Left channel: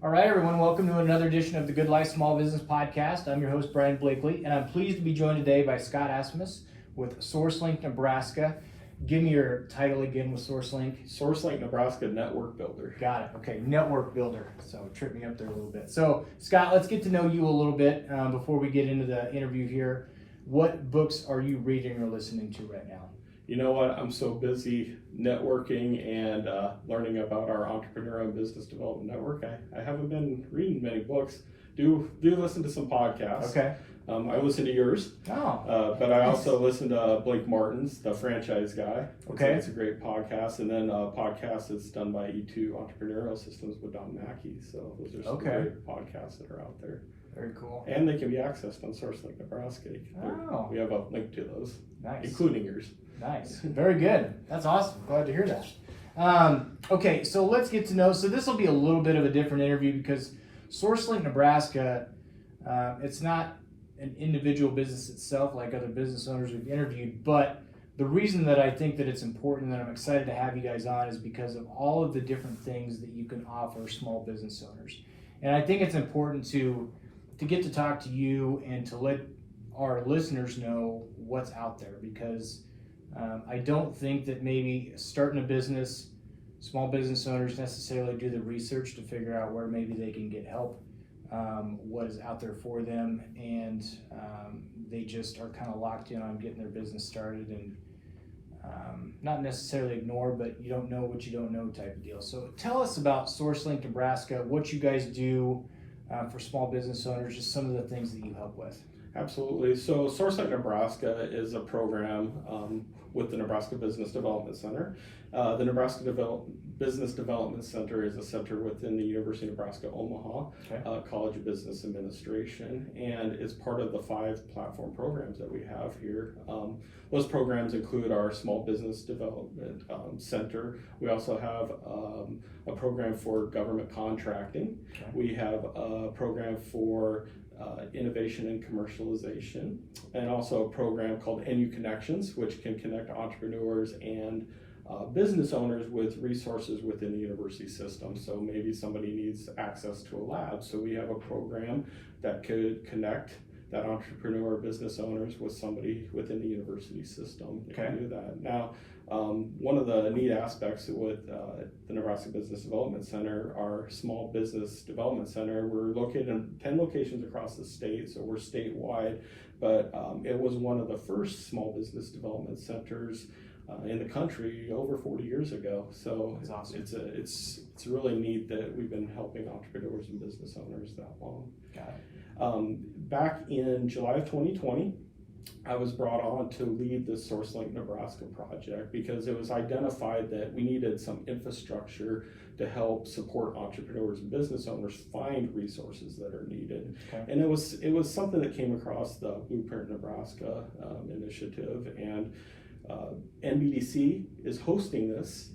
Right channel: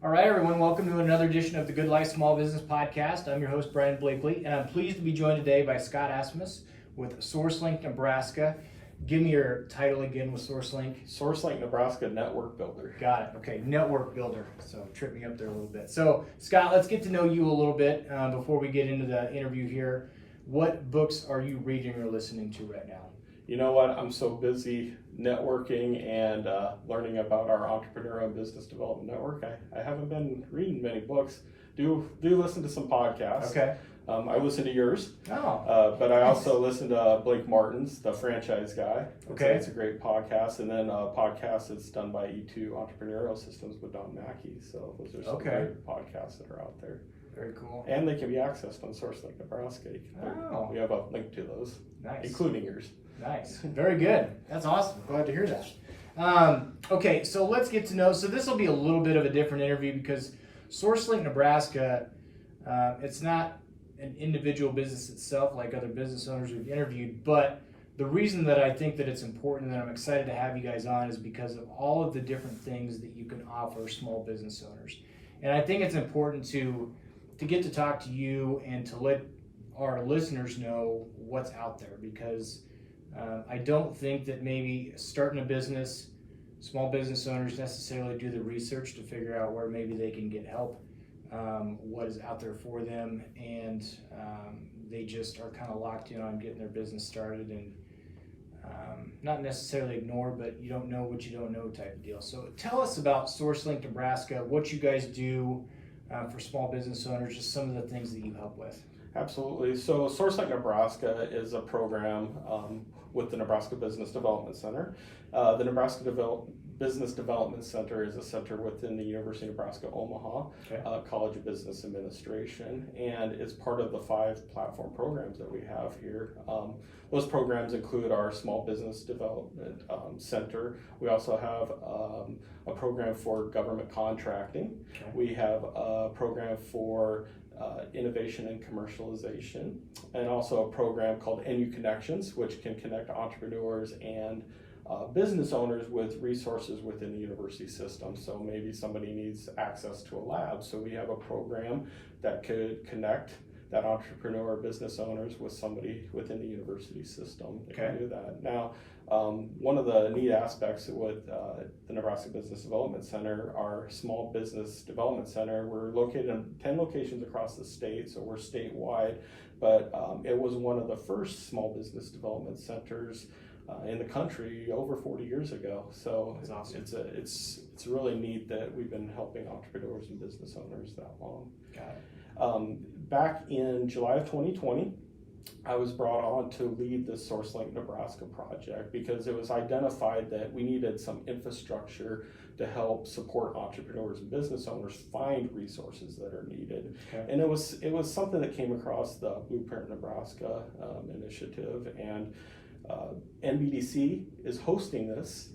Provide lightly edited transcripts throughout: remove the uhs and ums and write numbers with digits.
All right, everyone, welcome to another edition of the GoodLife Small Business Podcast. I'm your host, Brian Blakely, and I'm pleased to be joined today by Scott Asmus with SourceLink Nebraska. Give me your title again with SourceLink. SourceLink Nebraska Network Builder. Got it. Okay, Network Builder. So trip me up there a little bit. So Scott, let's get to know you a little bit before we get into the interview here. What books are you reading or listening to right now? You know what? I'm so busy networking and learning about our entrepreneur and business development network. I haven't been reading many books. Do listen to some podcasts. Okay. I listen to yours. Oh. But I also listen to Blake Martin's, the franchise guy. Okay. It's a great podcast. And then a podcast that's done by E2 Entrepreneurial Systems with Don Mackey. So those are some great podcasts that are out there. Very cool. And they can be accessed on SourceLink Nebraska. Oh. We have a link to those, Nice. including yours. Nice. Very good. That's awesome. Glad to hear that. Okay, so let's get to know. So this will be a little bit of a different interview because SourceLink Nebraska, it's not an individual business itself like other business owners we've interviewed, but the reason that I think that it's important and that I'm excited to have you guys on is because of all of the different things that you can offer small business owners. And I think it's important to get to talk to you and to let our listeners know what's out there, because I don't think that maybe starting a business, small business owners necessarily do the research to figure out where maybe they can get help, what is out there for them, and they just are kind of locked in on getting their business started and not necessarily ignore, but you don't know what you don't know type of deal. So tell us about SourceLink Nebraska, what you guys do for small business owners, just some of the things that you help with. Absolutely. So SourceLink Nebraska is a program with the Nebraska Business Development Center. The Nebraska Business Development Center is a center within the University of Nebraska Omaha College of Business Administration, and is part of the 5 platform programs that we have here. Those programs include our Small Business Development Center. We also have a program for government contracting. Okay. We have a program for innovation and commercialization, and also a program called NU Connections, which can connect entrepreneurs and business owners with resources within the university system. So maybe somebody needs access to a lab, so we have a program that could connect that entrepreneur or business owners with somebody within the university system that can do that. Now, one of the neat aspects with the Nebraska Business Development Center, our Small Business Development Center, we're located in 10 locations across the state, so we're statewide, but it was one of the first small business development centers in the country over 40 years ago. So that's awesome. It's really neat that we've been helping entrepreneurs and business owners that long. Got it. Back in July of 2020, I was brought on to lead the SourceLink Nebraska project because it was identified that we needed some infrastructure to help support entrepreneurs and business owners find resources that are needed. Okay. And it was something that came across the Blueprint Nebraska initiative, and NBDC is hosting this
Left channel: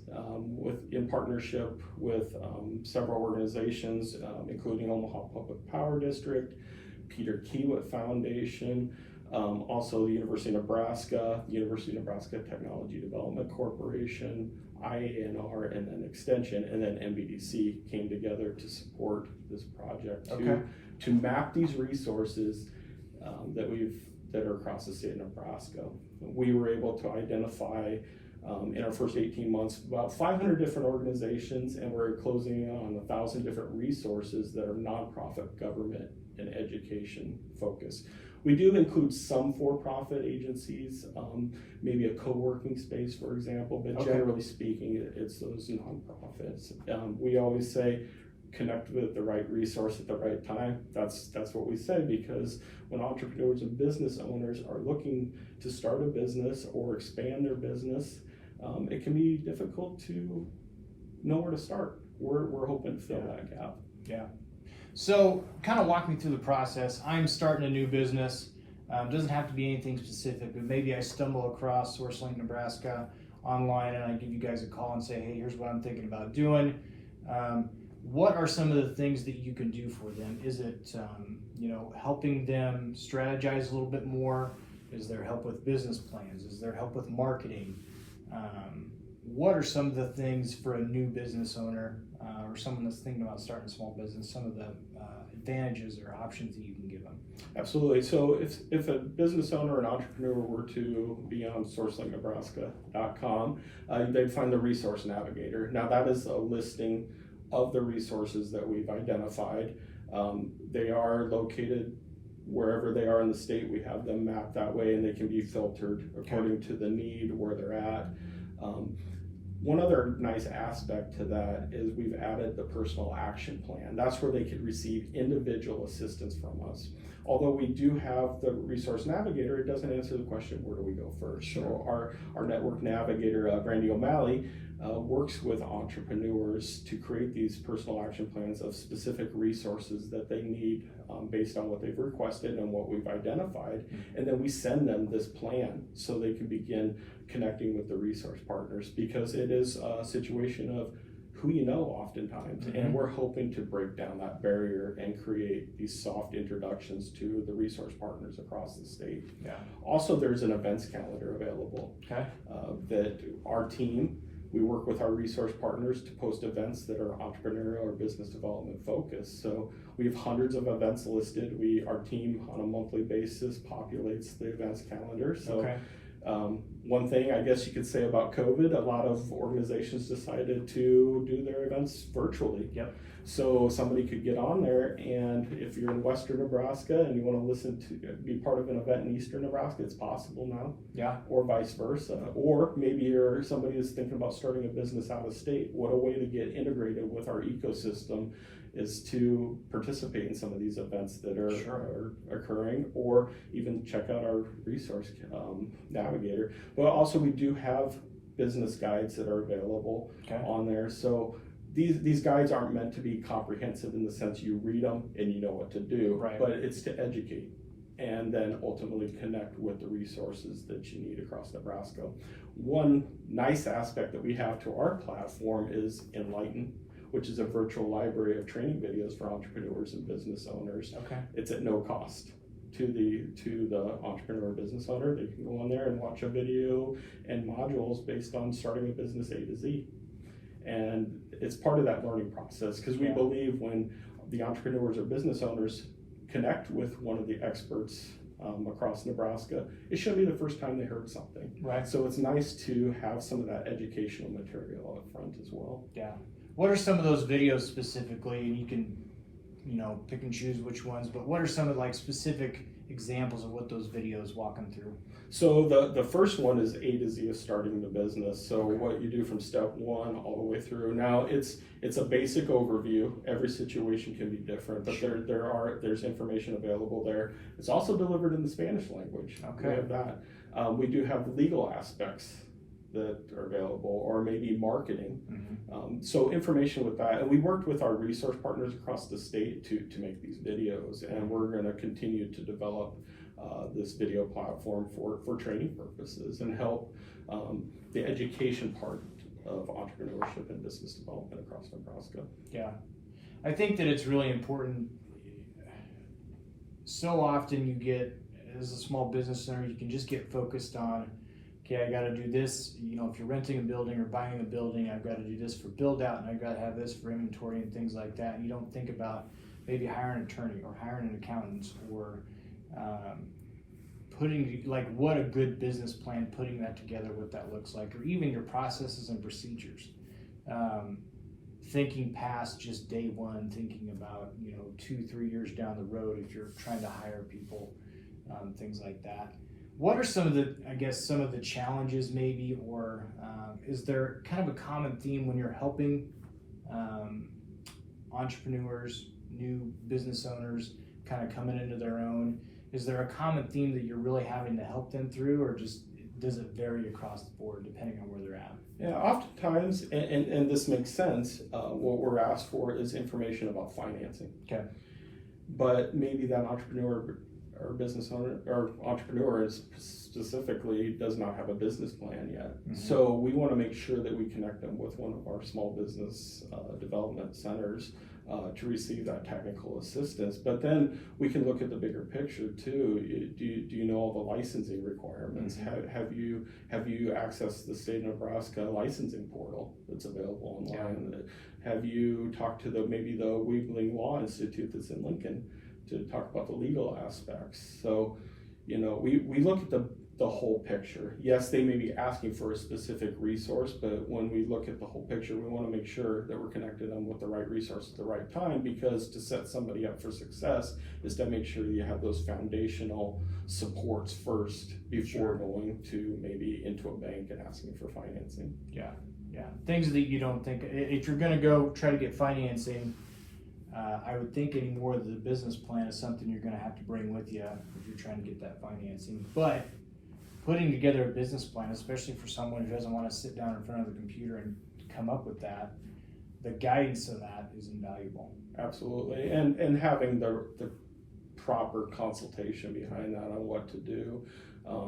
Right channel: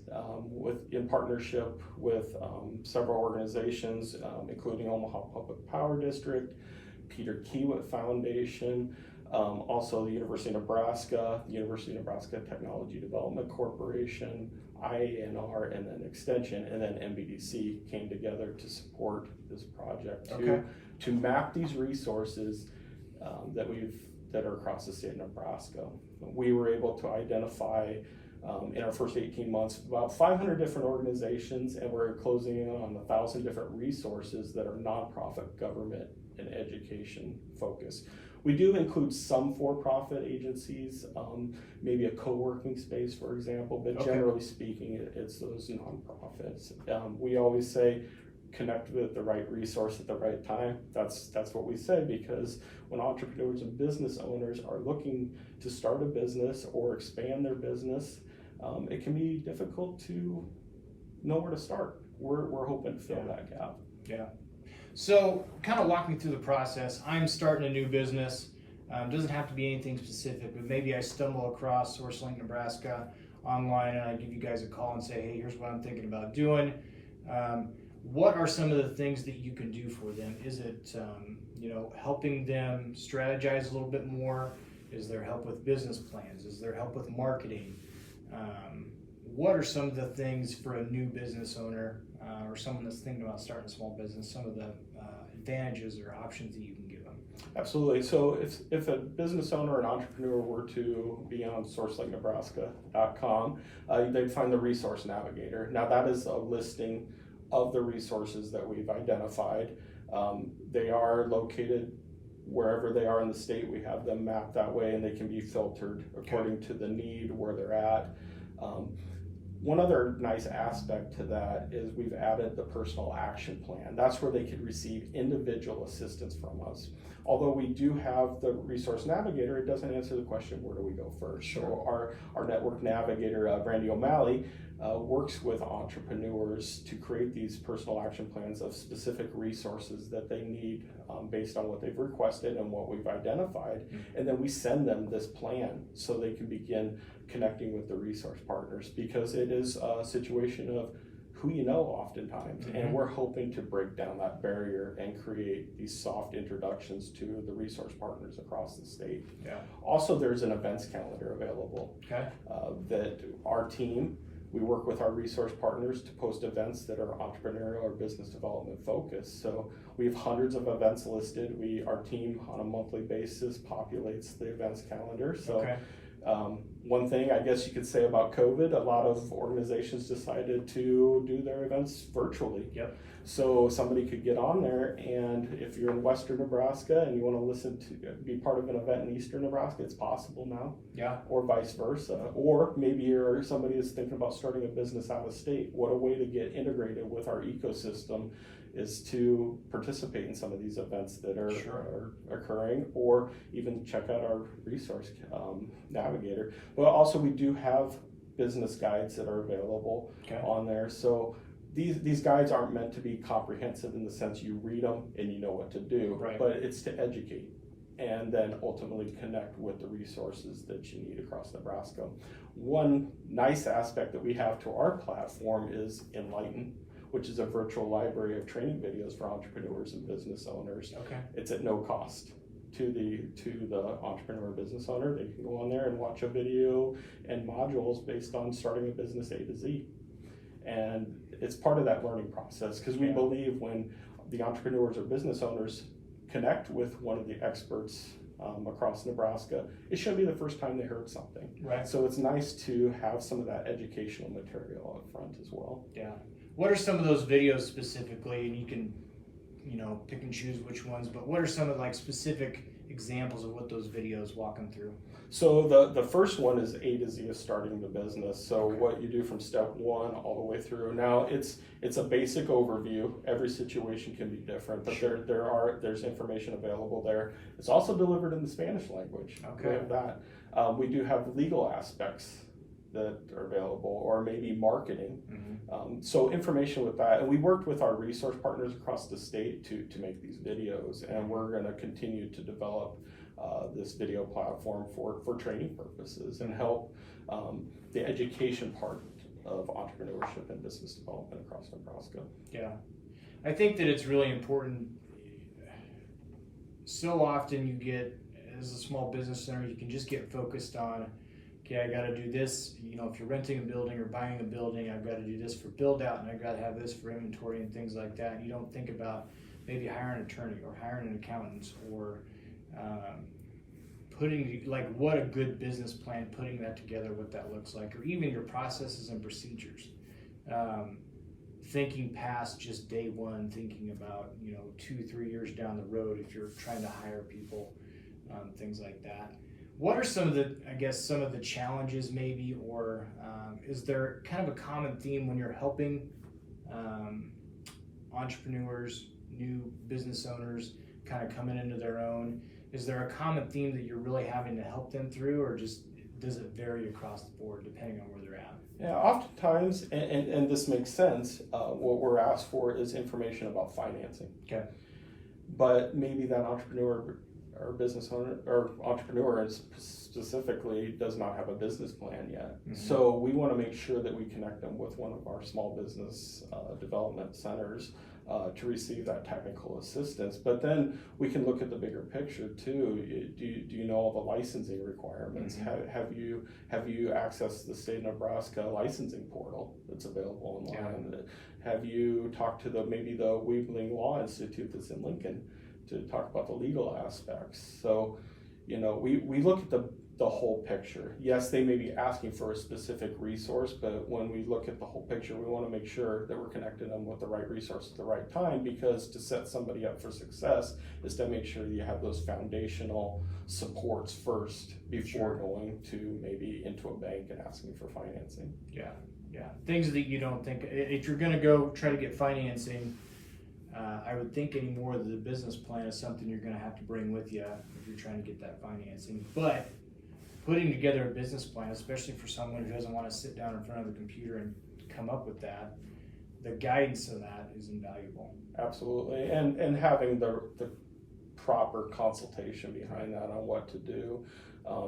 in partnership with several organizations, including Omaha Public Power District, Peter Kiewit Foundation, also the University of Nebraska, the University of Nebraska Technology Development Corporation, IANR, and then Extension, and then NBDC came together to support this project to map these resources that are across the state of Nebraska. We were able to identify in our first 18 months about 500 different organizations, and we're closing in on 1,000 different resources that are nonprofit, government, and education focused. We do include some for-profit agencies, maybe a co-working space, for example, but generally speaking, it's those nonprofits. We always say, connect with the right resource at the right time. That's what we say, because when entrepreneurs and business owners are looking to start a business or expand their business, it can be difficult to know where to start. We're hoping to fill that gap. Yeah. So kind of walk me through the process. I'm starting a new business. Doesn't have to be anything specific, but maybe I stumble across SourceLink Nebraska online and I give you guys a call and say, hey, here's what I'm thinking about doing. What are some of the things that you can do for them? Is it helping them strategize a little bit more? Is there help with business plans? Is there help with marketing? what are some of the things for a new business owner or someone that's thinking about starting a small business, some of the advantages or options that you can give them? Absolutely. So if a business owner, an entrepreneur were to be on SourceLinkNebraska.com, they'd find the Resource Navigator. Now that is a listing of the resources that we've identified. They are located wherever they are in the state. We have them mapped that way, and they can be filtered according to the need, where they're at. One other nice aspect to that is we've added the personal action plan. That's where they could receive individual assistance from us. Although we do have the Resource Navigator, it doesn't answer the question, where do we go first? Sure. So our network navigator, Brandy O'Malley, works with entrepreneurs to create these personal action plans of specific resources that they need based on what they've requested and what we've identified. Mm-hmm. And then we send them this plan so they can begin connecting with the resource partners, because it is a situation of who you know oftentimes. Mm-hmm. And we're hoping to break down that barrier and create these soft introductions to the resource partners across the state. Yeah. Also, there's an events calendar available Okay. that our team, we work with our resource partners to post events that are entrepreneurial or business development focused. So we have hundreds of events listed. Our team on a monthly basis populates the events calendar. So Okay. One thing I guess you could say about COVID, a lot of organizations decided to do their events virtually. Yep. So somebody could get on there, and if you're in Western Nebraska and you want to listen to be part of an event in Eastern Nebraska, it's possible now. Yeah. Or vice versa. Or maybe you're somebody who's thinking about starting a business out of state. What a way to get integrated with our ecosystem is to participate in some of these events that are, Sure. are occurring, or even check out our resource navigator. But also we do have business guides that are available Okay. on there. So these guides aren't meant to be comprehensive in the sense you read them and you know what to do, Right. but it's to educate and then ultimately connect with the resources that you need across Nebraska. One nice aspect that we have to our platform is Enlighten, which is a virtual library of training videos for entrepreneurs and business owners. Okay. It's at no cost to the entrepreneur business owner. They can go on there and watch a video and modules based on starting a business A to Z. And it's part of that learning process, because we Yeah. believe when the entrepreneurs or business owners connect with one of the experts across Nebraska, it shouldn't be the first time they heard something. Right. So it's nice to have some of that educational material up front as well. Yeah. What are some of those videos specifically? And you can, pick and choose which ones, but what are some of specific examples of what those videos walk them through? So the first one is A to Z of starting the business. So Okay. what you do from step one all the way through. Now it's a basic overview. Every situation can be different, but Sure. there's information available there. It's also delivered in the Spanish language. Okay. We have that. We do have legal aspects that are available, or maybe marketing. Mm-hmm. So information with that. And we worked with our resource partners across the state to make these videos, and we're going to continue to develop this video platform for training purposes and help the education part of entrepreneurship and business development across Nebraska. Yeah. I think that it's really important. So often you get, as a small business owner, you can just get focused on, okay, I got to do this. If you're renting a building or buying a building, I've got to do this for build out, and I've got to have this for inventory and things like that. And you don't think about maybe hiring an attorney or hiring an accountant, or putting what a good business plan, putting that together, what that looks like, or even your processes and procedures. Thinking past just day one, thinking about 2-3 years down the road if you're trying to hire people, things like that. What are some of the challenges maybe, or is there kind of a common theme when you're helping entrepreneurs, new business owners kind of coming into their own? Is there a common theme that you're really having to help them through, or just does it vary across the board depending on where they're at? Yeah, oftentimes, and this makes sense, what we're asked for is information about financing. Okay. But maybe that entrepreneur or business owner or entrepreneur specifically does not have a business plan yet. Mm-hmm. So we want to make sure that we connect them with one of our small business development centers to receive that technical assistance. But then we can look at the bigger picture too. Do you know all the licensing requirements? Mm-hmm. Have you accessed the state of Nebraska licensing portal that's available online? Yeah. Have you talked to maybe the Weebling Law Institute that's in Lincoln to talk about the legal aspects? So, we look at the whole picture. Yes, they may be asking for a specific resource, but when we look at the whole picture, we want to make sure that we're connecting them with the right resource at the right time, because to set somebody up for success is to make sure that you have those foundational supports first before going to maybe into a bank and asking for financing. Yeah. Things that you don't think, if you're going to go try to get financing, I would think anymore that the business plan is something you're going to have to bring with you if you're trying to get that financing. But putting together a business plan, especially for someone who doesn't want to sit down in front of the computer and come up with that, the guidance of that is invaluable. Absolutely, and having the proper consultation behind that on what to do,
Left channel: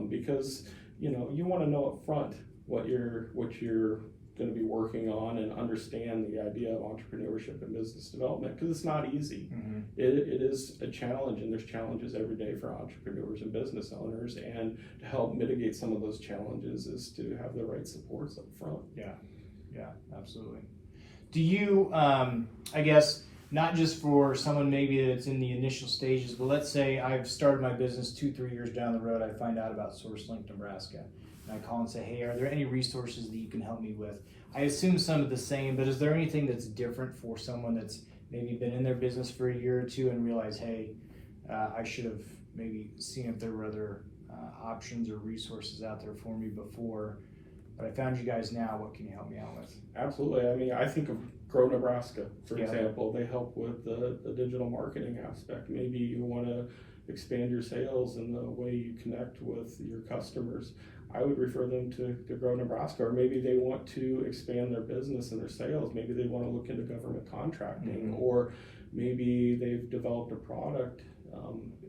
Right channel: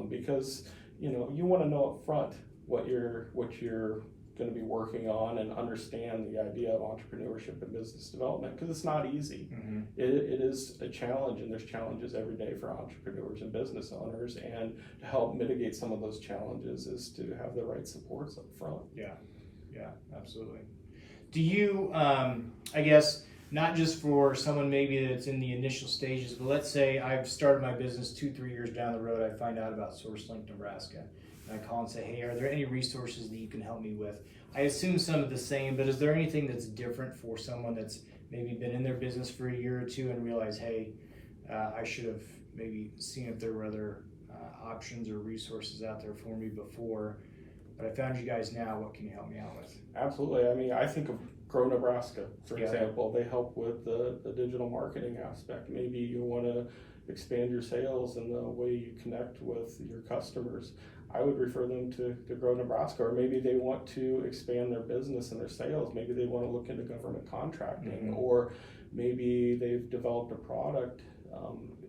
because you want to know up front what you're going to be working on, and understand the idea of entrepreneurship and business development, because it's not easy. Mm-hmm. It is a challenge, and there's challenges every day for entrepreneurs and business owners, and to help mitigate some of those challenges is to have the right supports up front. Yeah, absolutely. Do you, I guess, not just for someone maybe that's in the initial stages, but let's say I've started my business 2-3 years down the road, I find out about SourceLink Nebraska. And I call and say, hey, are there any resources that you can help me with? I assume some of the same, but is there anything that's different for someone that's maybe been in their business for a year or two and realize, hey, I should have maybe seen if there were other options or resources out there for me before, but I found you guys now. What can you help me out with? Absolutely. I mean, I think of Grow Nebraska, for example. They help with the digital marketing aspect. Maybe you want to expand your sales and the way you connect with your customers. I would refer them to Grow Nebraska, or maybe they want to expand their business and their sales. Maybe they want to look into government contracting, or maybe they've developed a product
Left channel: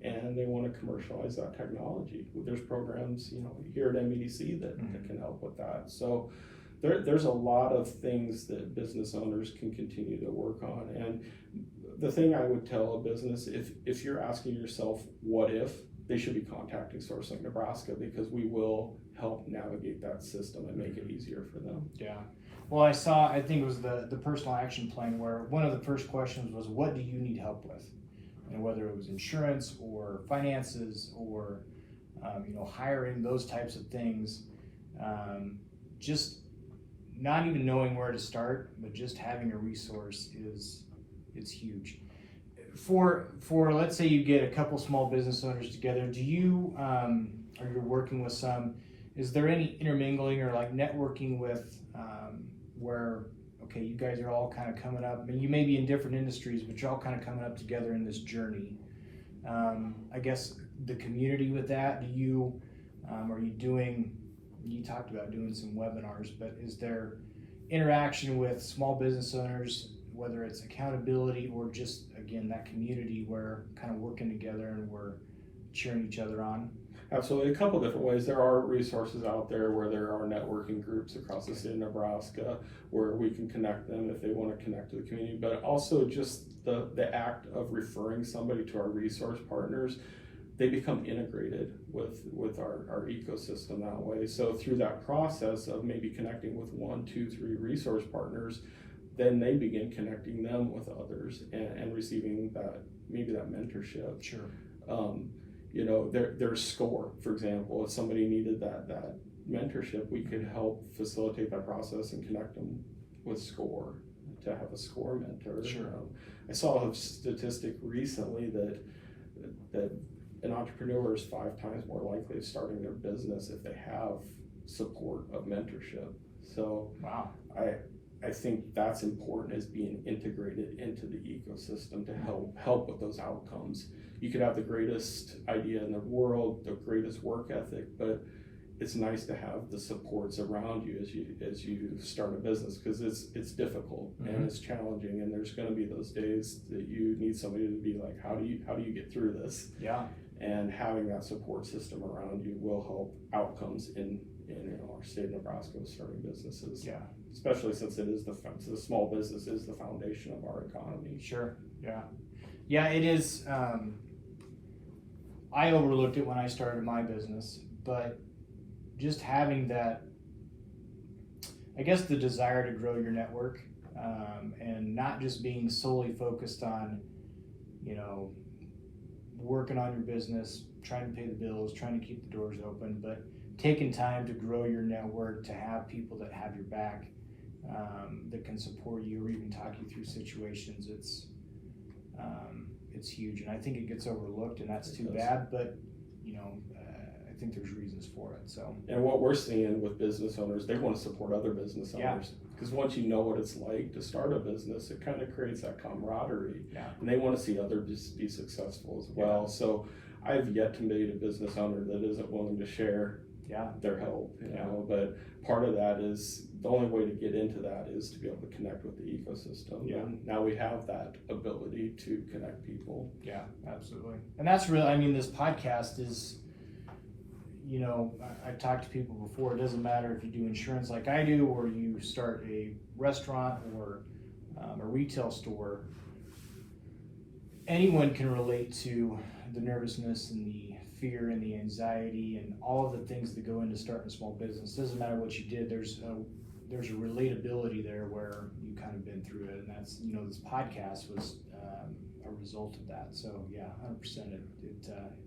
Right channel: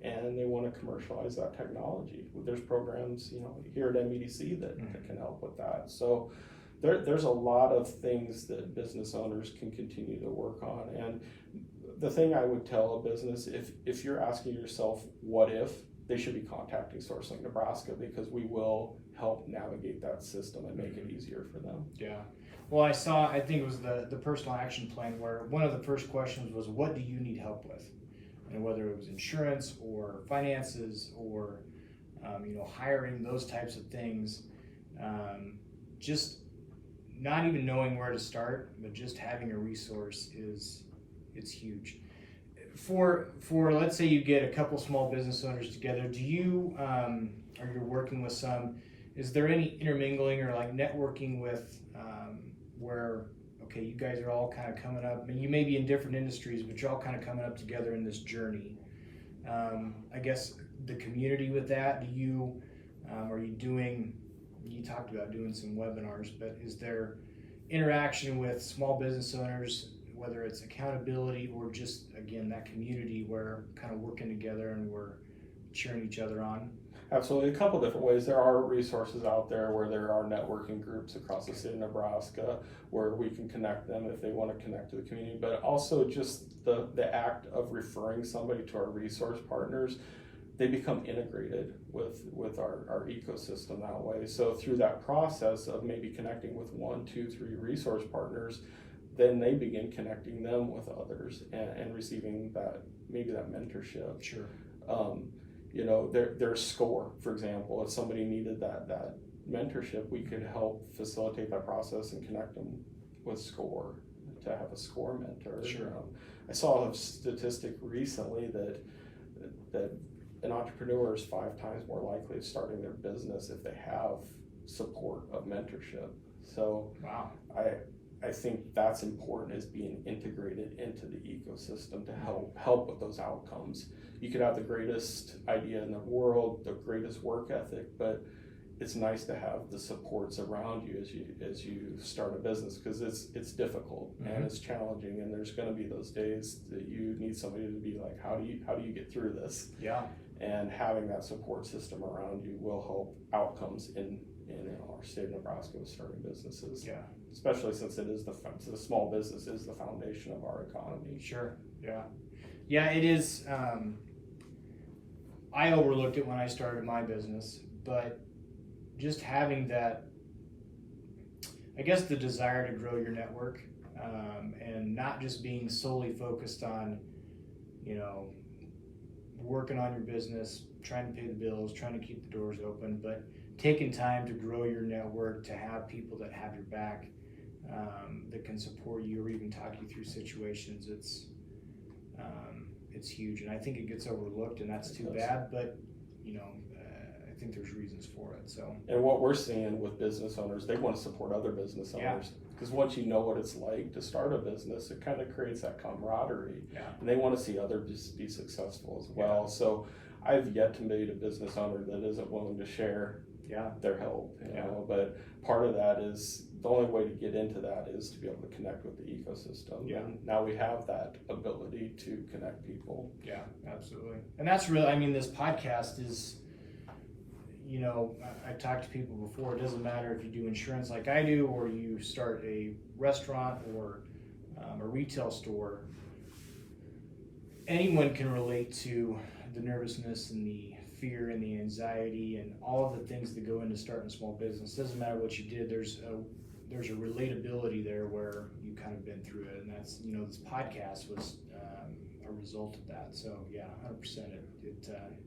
and they want to commercialize that technology. There's programs, here at MEDC that can help with that. So there's a lot of things that business owners can continue to work on. And the thing I would tell a business, if you're asking yourself, what if, they should be contacting SourceLink Nebraska, because we will help navigate that system and make it easier for them. Yeah. Well, I think it was the personal action plan, where one of the first questions was, what do you need help with? And whether it was insurance or finances or, hiring, those types of things, just not even knowing where to start, but just having a resource it's huge. For let's say you get a couple small business owners together, do you, or you're working with some, is there any intermingling or like networking with where, okay, you guys are all kind of coming up, I mean, you may be in different industries, but you're all kind of coming up together in this journey. I guess the community with that, do you, are you doing, you talked about doing some webinars, but is there interaction with small business owners, whether it's accountability or just, again, that community where kind of working together and we're cheering each other on? Absolutely. A couple different ways. There are resources out there where there are networking groups across the state of Nebraska where we can connect them if they want to connect to the community, but also just the act of referring somebody to our resource partners, they become integrated with our ecosystem that way. So through that process of maybe connecting with 1, 2, 3 resource partners, then they begin connecting them with others and receiving that mentorship. Sure. Their SCORE, for example, if somebody needed that mentorship, we could help facilitate that process and connect them with SCORE to have a SCORE mentor. Sure. I saw a statistic recently that an entrepreneur is 5 times more likely of starting their business if they have support of mentorship. So wow. I think that's important, as being integrated into the ecosystem to help with those outcomes. You could have the greatest idea in the world, the greatest work ethic, but it's nice to have the supports around you as you start a business, because it's difficult and it's challenging, and there's going to be those days that you need somebody to be like, how do you get through this? Yeah. And having that support system around you will help outcomes in our state of Nebraska with starting businesses. Yeah. especially since it is the small business is the foundation of our economy. Sure. Yeah, it is. I overlooked it when I started my business, but just having that, I guess, the desire to grow your network, and not just being solely focused on, working on your business, trying to pay the bills, trying to keep the doors open, but taking time to grow your network, to have people that have your back, that can support you or even talk you through situations. It's huge, and I think it gets overlooked, and that's too bad, but I think there's reasons for it. So, and what we're seeing with business owners, they want to support other business owners, because once you know what it's like to start a business, it kind of creates that camaraderie, and they want to see others be successful as well. So I've yet to meet a business owner that isn't willing to share their help, but part of that is the only way to get into that is to be able to connect with the ecosystem. And now we have that ability to connect people. Yeah, absolutely. And that's really, this podcast is, I've talked to people before. It doesn't matter if you do insurance like I do, or you start a restaurant or a retail store. Anyone can relate to the nervousness and the fear and the anxiety and all of the things that go into starting a small business. It doesn't matter what you did. There's a relatability there where you kind of been through it, and that's this podcast was a result of that. So 100%. It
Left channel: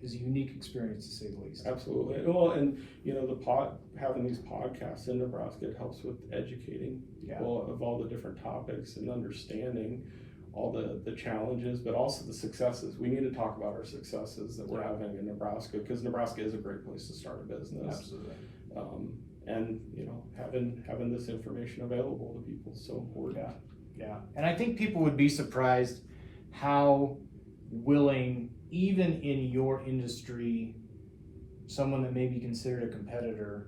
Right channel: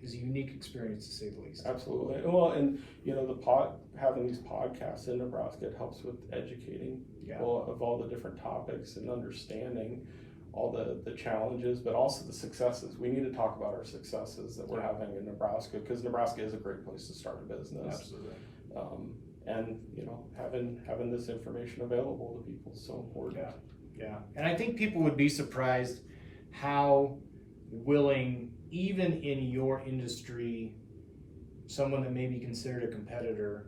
is a unique experience to say the least. Absolutely. Well, and having these podcasts in Nebraska, it helps with educating people of all the different topics and understanding all the challenges, but also the successes. We need to talk about our successes that we're having in Nebraska, because Nebraska is a great place to start a business. Absolutely. And having this information available to people is so important. Yeah. And I think people would be surprised how willing, even in your industry, someone that may be considered a competitor,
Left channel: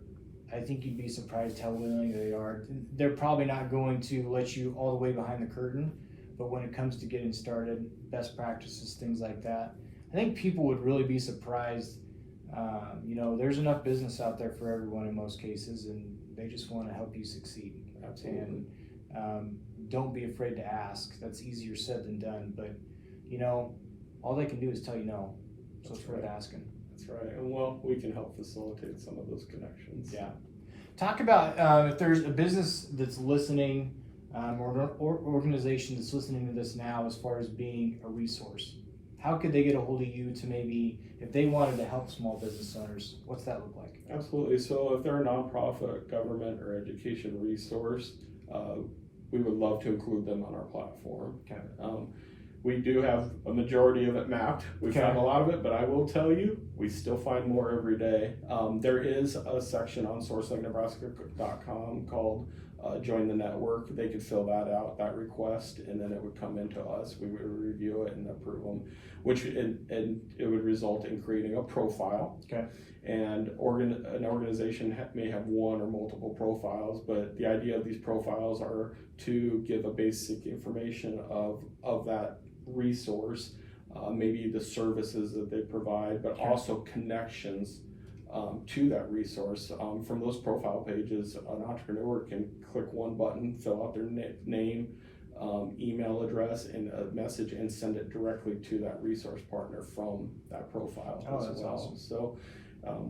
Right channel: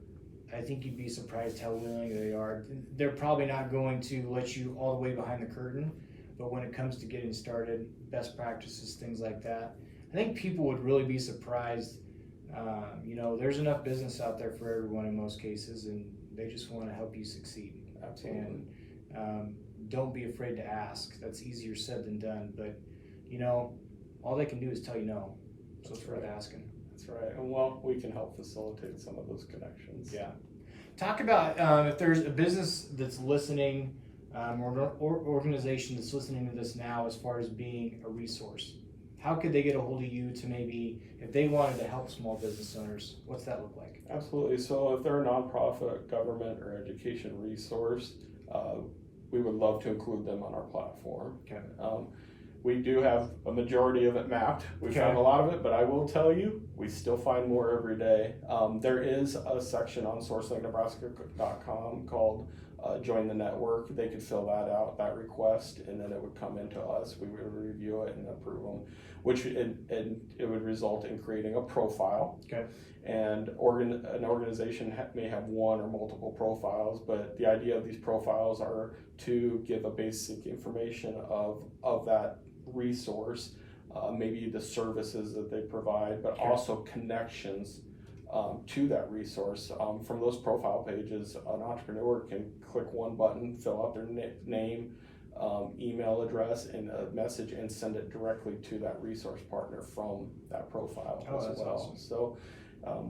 I think you'd be surprised how willing they are. They're probably not going to let you all the way behind the curtain, but when it comes to getting started, best practices, things like that, I think people would really be surprised. There's enough business out there for everyone in most cases, and they just want to help you succeed. Absolutely. And don't be afraid to ask. That's easier said than done, but all they can do is tell you no. So it's worth asking. That's right. And well, we can help facilitate some of those connections. Yeah. Talk about if there's a business that's listening, or organization that's listening to this now, as far as being a resource. How could they get a hold of you to maybe, if they wanted to help small business owners, what's that look like? Absolutely. So if they're a nonprofit, government, or education resource, we would love to include them on our platform. Okay. We do have a majority of it mapped. We've found a lot of it, but I will tell you, we still find more every day. There is a section on SourceLinkNebraska.com called Join the Network. They could fill that out, that request, and then it would come into us. We would review it and approve them, and it would result in creating a profile. Okay. And an organization may have one or multiple profiles, but the idea of these profiles are to give a basic information of that resource, maybe the services that they provide, but also connections to that resource. From those profile pages, an entrepreneur can click one button, fill out their name, email address, and a message, and send it directly to that resource partner from that profile as well. Awesome. So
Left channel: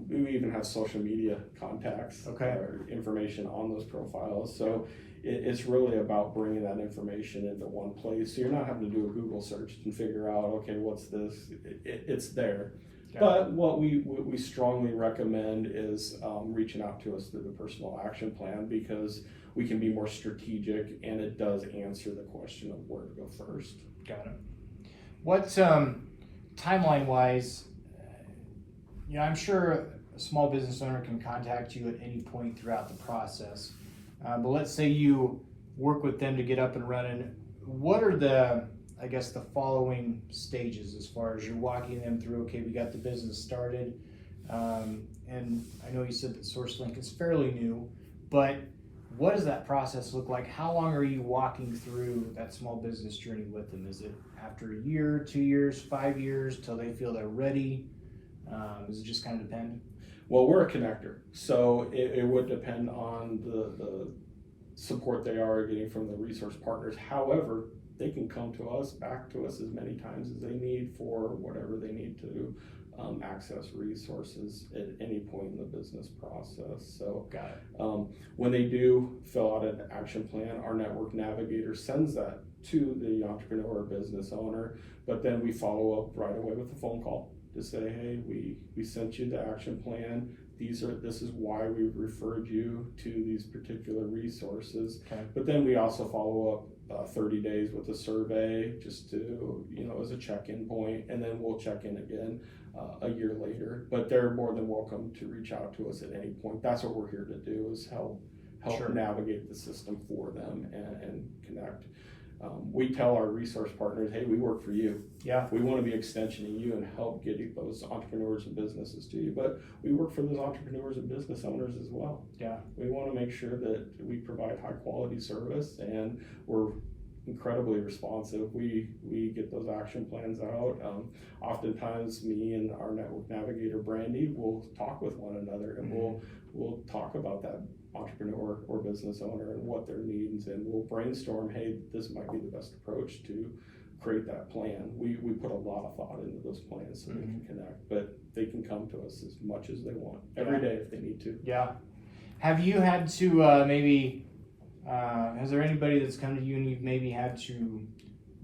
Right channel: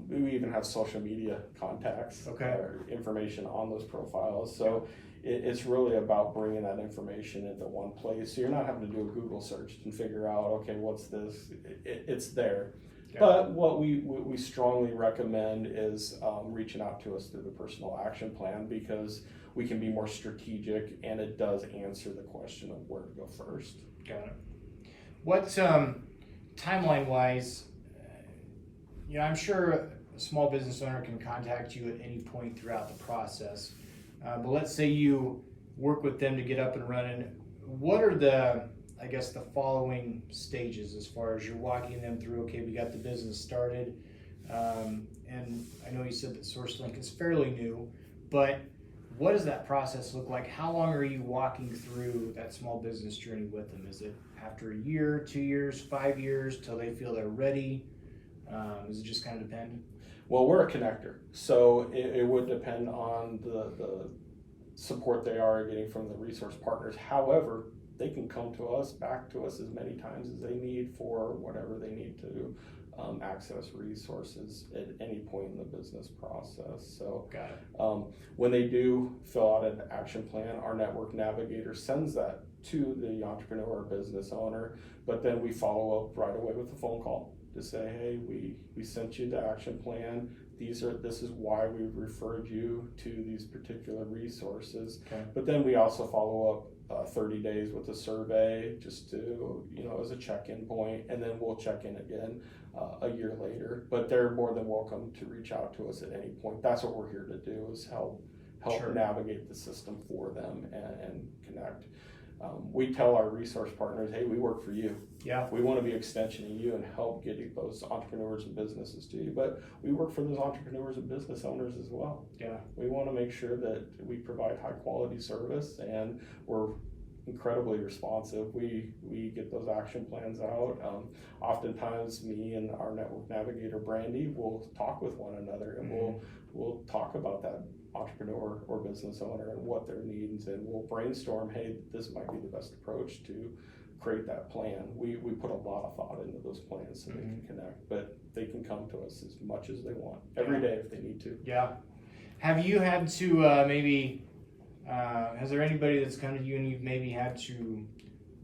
we even have social media contacts or information on those profiles. So it's really about bringing that information into one place. So you're not having to do a Google search and figure out, okay, what's this? It's there. But what we strongly recommend is reaching out to us through the personal action plan, because we can be more strategic, and it does answer the question of where to go first. Got it. What timeline wise, I'm sure a small business owner can contact you at any point throughout the process. But let's say you work with them to get up and running. What are the following stages as far as you're walking them through? Okay, we got the business started, and I know you said that SourceLink is fairly new, but what does that process look like? How long are you walking through that small business journey with them? Is it after a year, 2 years, 5 years, till they feel they're ready? Does it just kind of depend? Well, we're a connector, so it would depend on the support they are getting from the resource partners. However, they can come to us, back to us as many times as they need for whatever they need to access resources at any point in the business process. So Got it. when they do fill out an action plan, our network navigator sends that to the entrepreneur or business owner, but then we follow up right away with a phone call to say, hey, we sent you the action plan. This is why we've referred you to these particular resources. Okay. But then we also follow up 30 days with a survey, just to, as a check-in point, and then we'll check in again a year later. But they're more than welcome to reach out to us at any point. That's what we're here to do, is help Sure. navigate the system for them and connect. We tell our resource partners, hey, we work for you. Yeah. We want to be extension of you and help get those entrepreneurs and businesses to you. But we work for those entrepreneurs and business owners as well. Yeah. We want to make sure that we provide high quality service, and we're incredibly responsive. We get those action plans out. Oftentimes me and our network navigator Brandy will talk with one another, and we'll talk about that entrepreneur or business owner and what their needs, and we'll brainstorm, hey, this might be the best approach to create that plan. We put a lot of thought into those plans so they can connect, but they can come to us as much as they want every day if they need to. Yeah. Have you had to has there anybody that's come to you and you've maybe had to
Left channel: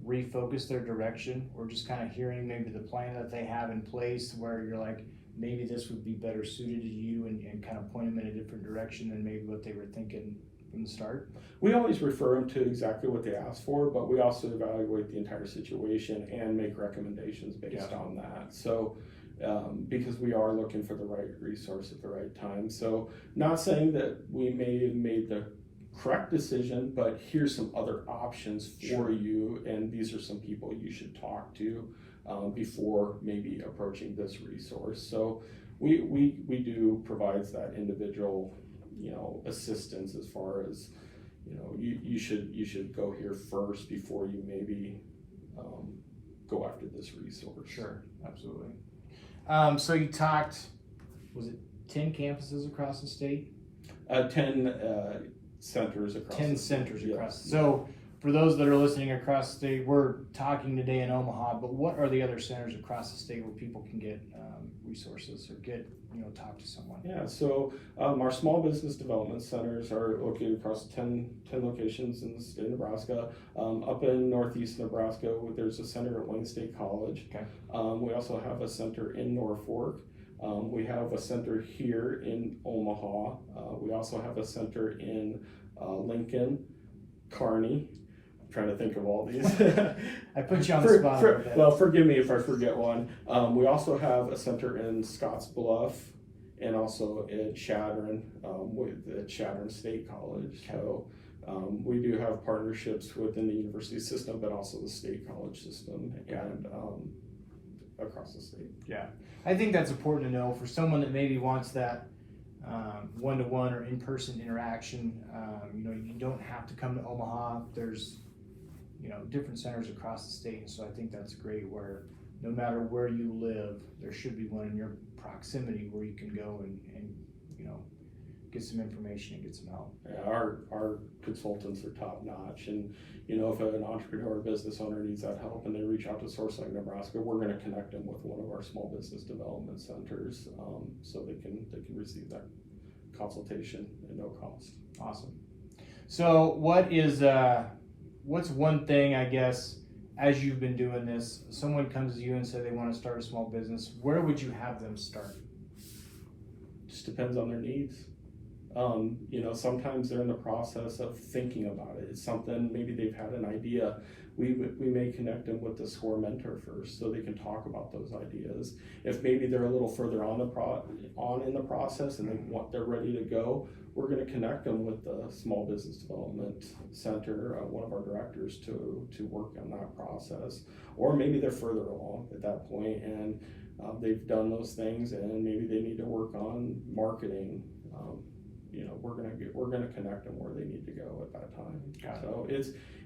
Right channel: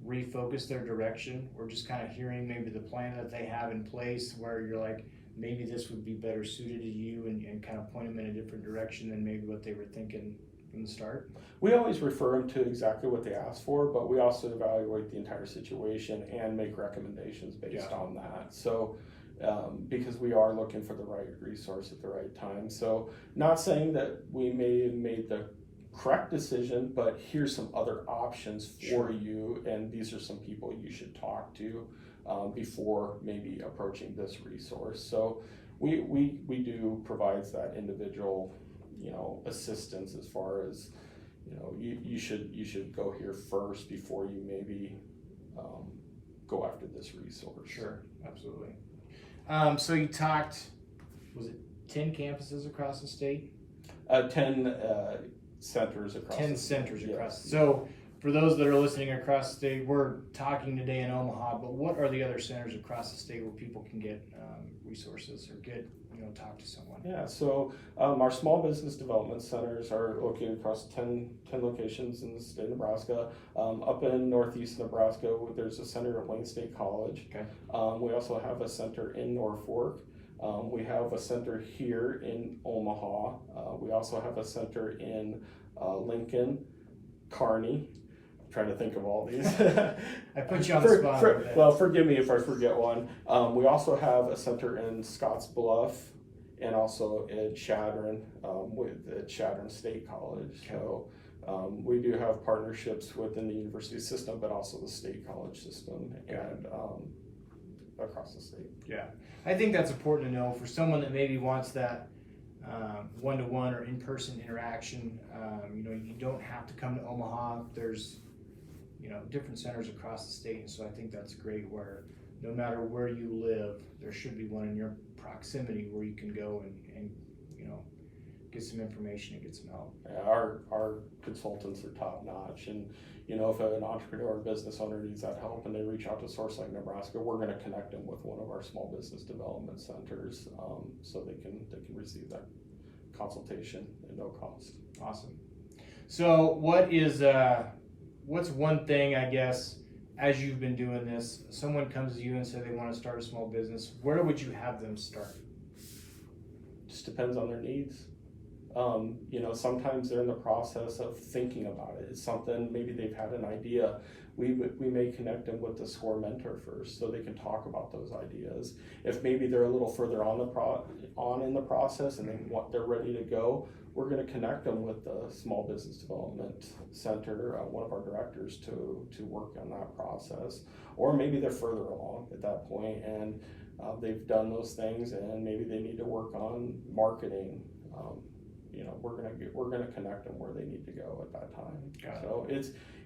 refocus their direction, or just kind of hearing maybe the plan that they have in place where you're like, maybe this would be better suited to you, and kind of point them in a different direction than maybe what they were thinking from the start? We always refer them to exactly what they asked for, but we also evaluate the entire situation and make recommendations based on that. So because we are looking for the right resource at the right time. So not saying that we may have made the correct decision, but here's some other options for you, and these are some people you should talk to before maybe approaching this resource. So we do provide that individual assistance as far as you should go here first before you maybe go after this resource. Sure, absolutely. So you talked, was it 10 campuses across the state? 10 centers across 10 centers across. So for those that are listening across the state, we're talking today in Omaha, but what are the other centers across the state where people can get resources or talk to someone? Yeah, so our small business development centers are located across 10 locations in the state of Nebraska. Up in northeast Nebraska, there's a center at Wayne State College. Okay. We also have a center in Norfolk. We have a center here in Omaha. We also have a center in Lincoln, Kearney. I'm trying to think of all these. I put you on the spot. Well, forgive me if I forget one. We also have a center in Scottsbluff and also at Chadron, at Chadron State College. Okay. So we do have partnerships within the university system, but also the state college system and across the state. Yeah, I think that's important to know for someone that maybe wants that one-to-one or in-person interaction. You don't have to come to Omaha. There's different centers across the state, and so I think that's great, where no matter where you live, there should be one in your proximity where you can go and get some information and get some help. Yeah, our consultants are top notch, and if an entrepreneur or business owner needs that help and they reach out to SourceLink Nebraska, we're going to connect them with one of our small business development centers, so they can receive that consultation at no cost. Awesome. So what's one thing, I guess, as you've been doing this, someone comes to you and says they want to start a small business, where would you have them start? Just depends on their needs. Sometimes they're in the process of thinking about it. It's something, maybe they've had an idea. We may connect them with the SCORE mentor first, so they can talk about those ideas. If maybe they're a little further on in the process and they're ready to go, we're going to connect them with the Small Business Development Center, one of our directors, to work on that process. Or maybe they're further along at that point and they've done those things, and maybe they need to work on marketing. We're gonna connect them where they need to go at that time. So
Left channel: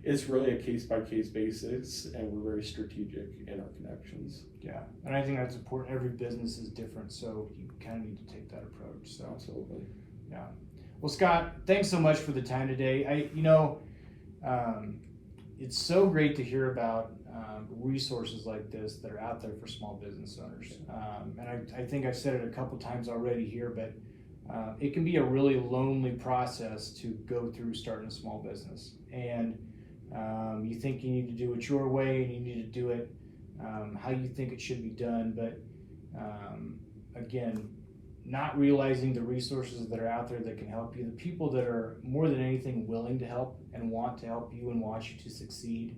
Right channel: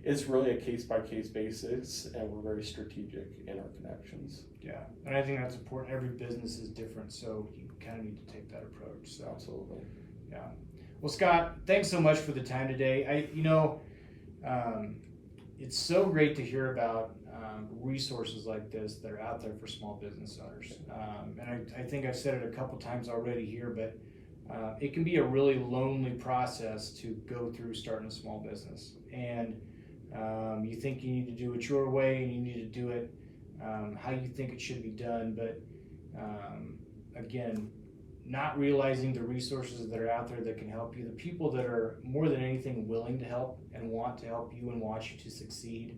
it's really a case-by-case basis, and we're very strategic in our connections. Yeah, and I think that's important. Every business is different, so you kind of need to take that approach. So absolutely. Yeah. Well, Scott, thanks so much for the time today. It's so great to hear about resources like this that are out there for small business owners. And I think I've said it a couple times already here, but it can be a really lonely process to go through starting a small business. And you think you need to do it your way, and you need to do it how you think it should be done. But again, not realizing the resources that are out there that can help you, the people that are more than anything willing to help and want to help you and want you to succeed,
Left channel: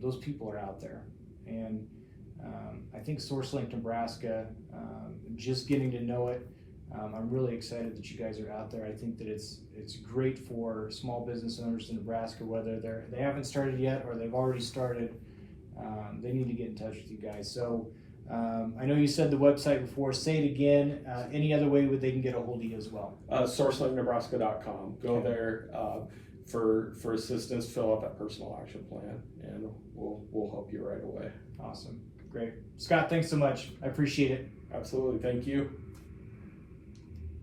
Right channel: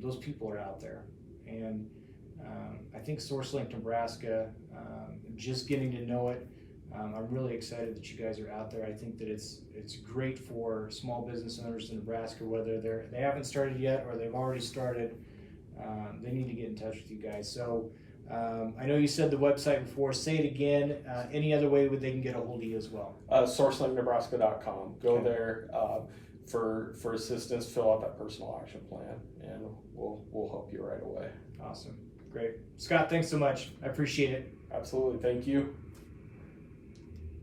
those people are out there. And I think SourceLink Nebraska, just getting to know it, I'm really excited that you guys are out there. I think that it's great for small business owners in Nebraska, whether they haven't started yet or they've already started. They need to get in touch with you guys. So I know you said the website before. Say it again. Any other way they can get a hold of you as well? SourceLinkNebraska.com. Go there for assistance. Fill out that personal action plan, and we'll help you right away. Awesome. Great. Scott, thanks so much. I appreciate it. Absolutely. Thank you.